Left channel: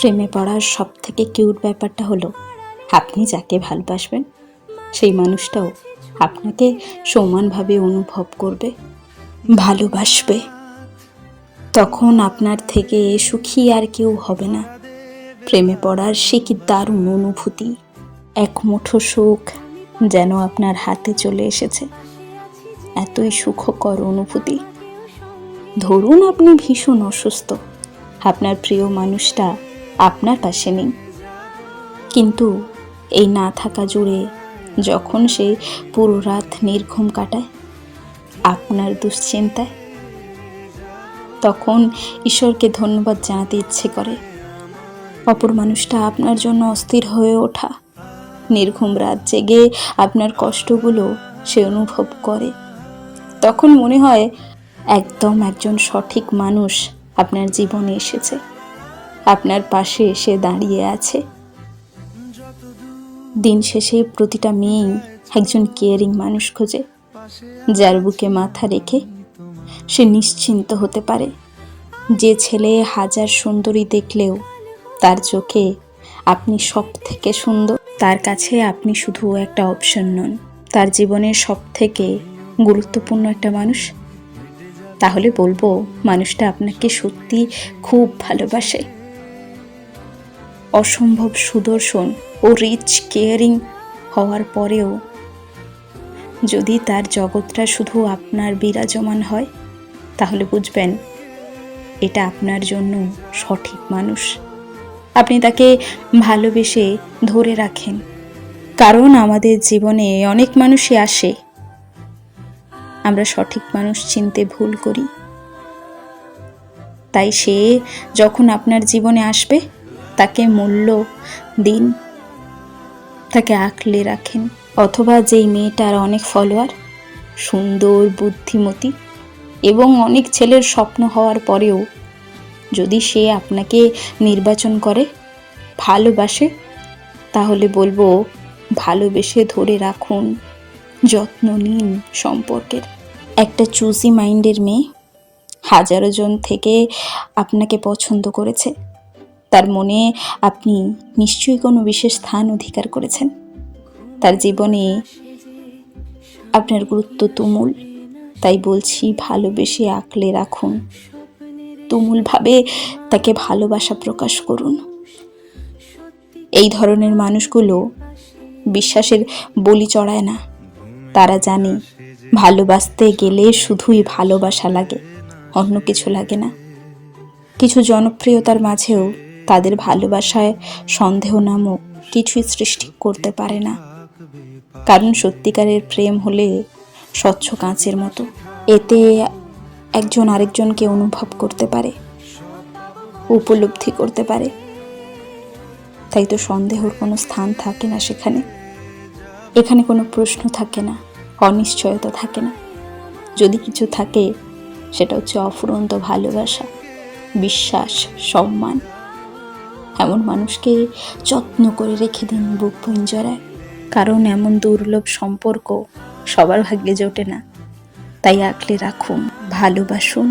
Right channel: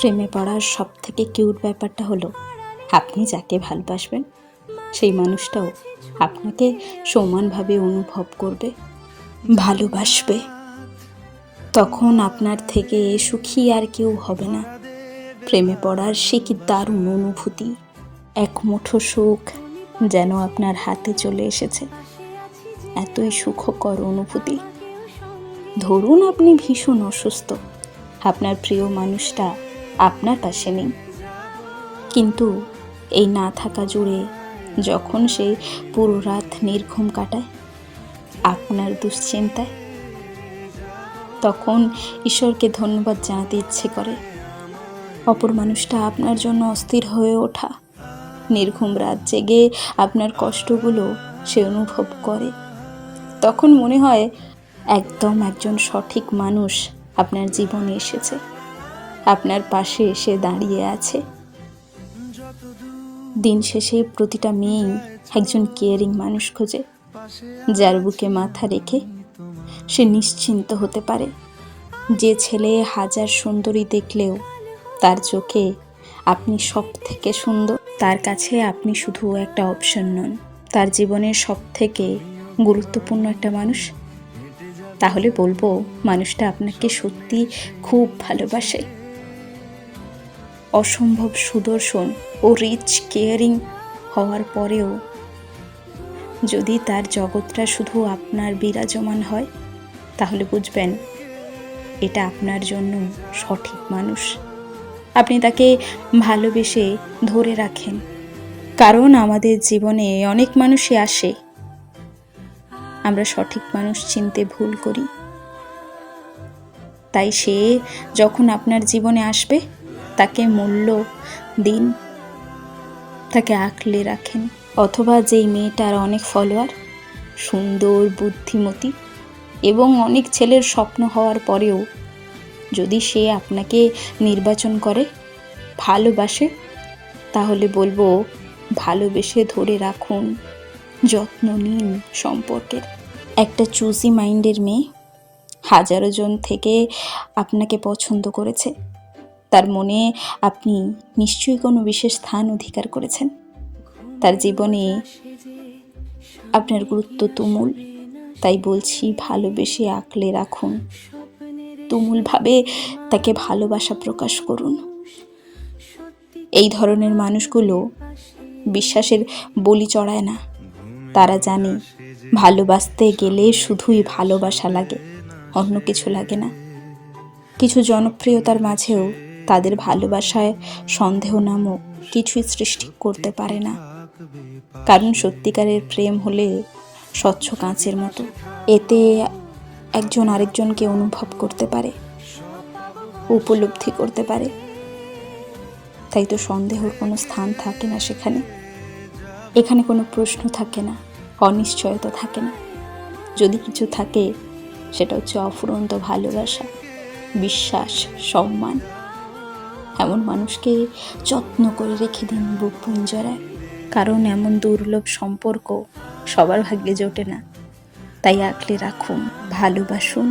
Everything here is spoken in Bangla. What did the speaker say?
প্রেমে পড়ার সব থেকে কিউট ব্যাপারটা হলো আপনি যাকে ভালোবাসবেন সেই মানুষটাও আপনাকে সমানভাবে অনুভব করবে, ভালোবাসবে। তখন আপনার থেকে সুখী আর কেউ হবে না। প্রেমে পড়ার সে কি দারুণ অনুভূতি, এক মুঠো সুখ যেন আপনার হাতে চলে এসেছে। এতই সুখকর অনুভূতি। ধরুন আপনি ভীষণ অসুস্থ, আপনার প্রিয় মানুষটা আপনার পাশে নেই, কিন্তু এই না থাকা জুড়ে যখন সে পুরো রাত নির্ঘুম কাটায় আপনার দুশ্চিন্তায়, তখন ঈশ্বরকে ধন্যবাদ জানাতে ইচ্ছে করে। অপর মানুষটা আপনার জন্য অস্থির হয়ে ওঠা, নির্ঘুম রাত জেগে আপনার কষ্টগুলো সে অনুভব করে। তখন মনে হয় একদম একজন সঠিক মানুষ আপনার জীবনে এসেছে, আপনার পাশে এসে দাঁড়িয়ে আছে। দিন শেষে প্রতিটা মেয়েই একজন কেয়ারিং মানুষ খোঁজে, যার বুকে মাথা রেখে সে নিশ্চিন্ত হতে পারে। যে ছেলে হাজার সুন্দরী দেখলেও তার চোখে আপনি সব থেকে সুন্দর, তার কাছে আপনি শুধু একটা অপশন নন, তার জীবনের সব থেকে গুরুত্বপূর্ণ একটা মানুষ। তাহলে বলবো মানুষটা আপনাকে সত্যি খুব ভালোবাসে। অসম্ভব সুদর্শন ও রিচ কেয়ারিং হওয়ার পরেও যদি তার জগৎটা শুধু আপনার বিরাজমান হয়, তাহলে বুঝবেন এটা আপনার জন্য সঠিক মানুষ। আপনি তাকে ভালোবেসে ধরে রাখেন, কারণ আমাদের জীবনে অনেক মানুষই আসে, আমরা সঠিক মানুষ চিনতে ভুল করি। তাই সে যখন আপনার জীবনে আসবে তাকে মূল্য দিন, তাকে আঁকলে রাখেন। অথবা যেই মেয়েটার অনেক ফলোয়ার, সুন্দর, বুদ্ধিমতী এবং অনেক ছেলের স্বপ্ন হওয়ার পরেও যদি সে আপনাকে নির্বাচন করে, ভালোবাসে, তাহলে বলবো ভালোবেসে ধরে রাখুন, যত্ন নিন সম্পর্কের। একটা চুজি মাইন্ডের মেয়ে হাজারো জন থেকে আপনাকে পছন্দ করেছে, তার মনে আপনি নিশ্চয়ই কোনো বিশেষ স্থান অধিকার করেছেন। তার জীবনে আপনার গুরুত্ব তুমুল। তাই বলছি ভালোবেসে আঁকলে রাখুন, তুমুলভাবে তাকে ভালোবাসা প্রকাশ করুন। এই ধরনের মানুষগুলো বিশ্বাসের বলি চড়ায় না। তারা জানে ভালোবাসতে গেলে শুধুই ভালোবাসা লাগে, অন্য কিছু লাগে না। কিছু জনপ্রিয়তার মাঝেও তাদের ভালোবাসায় সন্দেহ নামক কিছুই সৃষ্টি করতে পারে না, কারণ সত্যিকারের প্রেম হলে স্বচ্ছ কাঁচের মতো। এতে একজন আরেকজনকে অনুভব করতে পারে, উপলব্ধি করতে পারে। তাই তো সন্দেহর কোনো স্থান থাকে না সেখানে। এখানে কোনো প্রশ্ন থাকে না, অনিশ্চয়তা থাকে না। যদি কিছু থাকে সেটা হচ্ছে অফুরন্ত ভালোবাসা, বিশ্বাস, সম্মান। এমন মানুষকে যত্ন করে রেখে দিন বুক পিঞ্জরায়, কারণ এমন দুর্লভ সম্পর্ক সবার ভাগ্যে জোটে না। তাই আঁকলে রাখুন, ভালোবাসুন।